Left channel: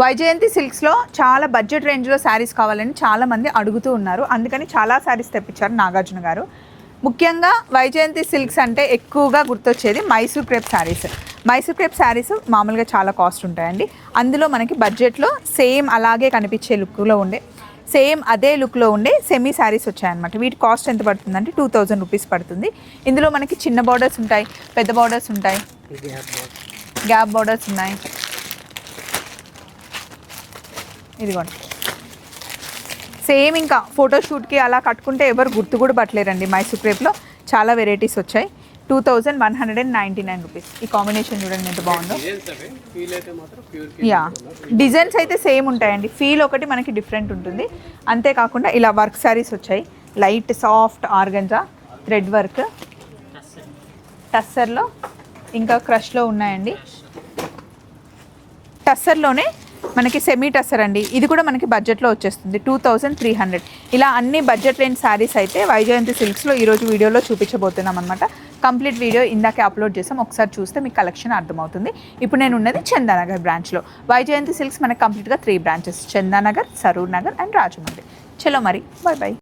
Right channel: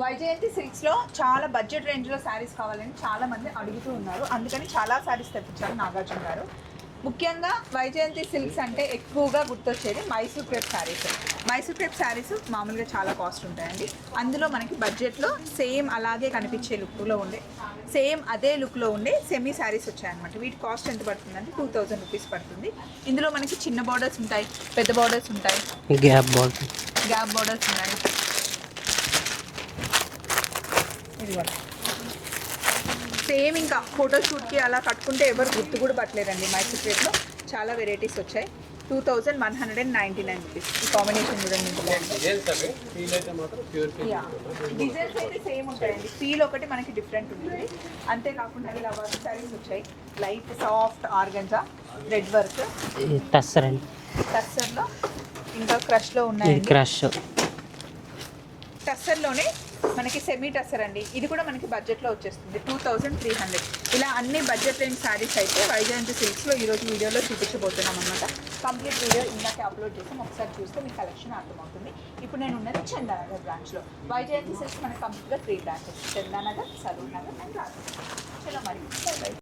వైజయంతి సిల్క్స్లో చాలా బడ్జెట్ రేంజ్లో శారీస్ కావాలని చాలామంది అడుగుతూ ఉన్నారు. అందుకని చాలా శారీస్ తెప్పించారు నాగార్జున గారు. ముఖ్యంగా వైజయంతి సిల్క్స్ అంటే ఎక్కువగా గుర్తొచ్చేది మైసూర్ క్రేప్ శారీస్. మైసూర్ క్రేప్ శారీస్ మామూలుగా చాలా కాస్ట్ ఉంటాయండి. అందులో మనకి బడ్జెట్లో సేమ్ అలాగే కనిపించే లుక్లో ఉండే, సేమ్ అదే లుక్లో ఉండే సెమీ శారీస్ వచ్చాయన్నమాట. వీటి కాస్ట్ ఎంత పడుతుందంటే 2000 రూపీస్ పడుతుంది. ఇందులో మనకి చిన్న బార్డర్స్ ఉంటాయి, పెద్ద బార్డర్స్ ఉంటాయి, గ్యాప్ బార్డర్స్ ఉన్నాయి. ఇదిగోండి, సేమ్ ఇంకా ఫోటోషూట్కి అలా కట్టుకుంటే ఎవరు గుర్తు కూడా పట్టలేరండి. మైసూర్ క్రేప్లో చాలా వెరైటీస్ వచ్చాయి. 2199 రూపీస్. ఈ కాంబినేషన్ చూడండి ఎంత బాగుందో. యా, డిజైన్స్ అయితే సేమ్ ఉంటాయండి, ఫీల్ ఒకటి మనకి డిఫరెంట్ ఉంటుంది. అంతేకాకుండా ఇలా వర్క్ శారీస్ వచ్చాయి, light soft organza thread work, టస్సర్లో ఇంకా క్రష్లో ఉన్నాయండి. టస్సర్లోనే మనకి సెమీ టస్సర్ అండి, ఇది కూడా మనకి బడ్జెట్లో వచ్చేస్తుంది 2300. ఇలా అన్ని బడ్జెట్ రేంజ్ శారీస్ అయితే వైజయంతి సిల్క్స్లో ఈరోజు వీడియోలో చూపించబోతున్నాం అనమాట. కంప్లీట్ వీడియో ఇందాకే అప్లోడ్ చేసాం, ఒకసారి చూస్తే మీకు కలెక్షన్ అర్థమవుతుంది. ఇప్పుడు నేను ఉన్నది చందానగర్ బ్రాంచ్లో. వైజయంతి సిల్క్స్ మనకి కంప్లీట్గా 3 బ్రాంచెస్, చందానగర్, సరూర్ నగర్ అండ్ రాజమండ్రి. చలో మరి, బాయ్ బాయ్.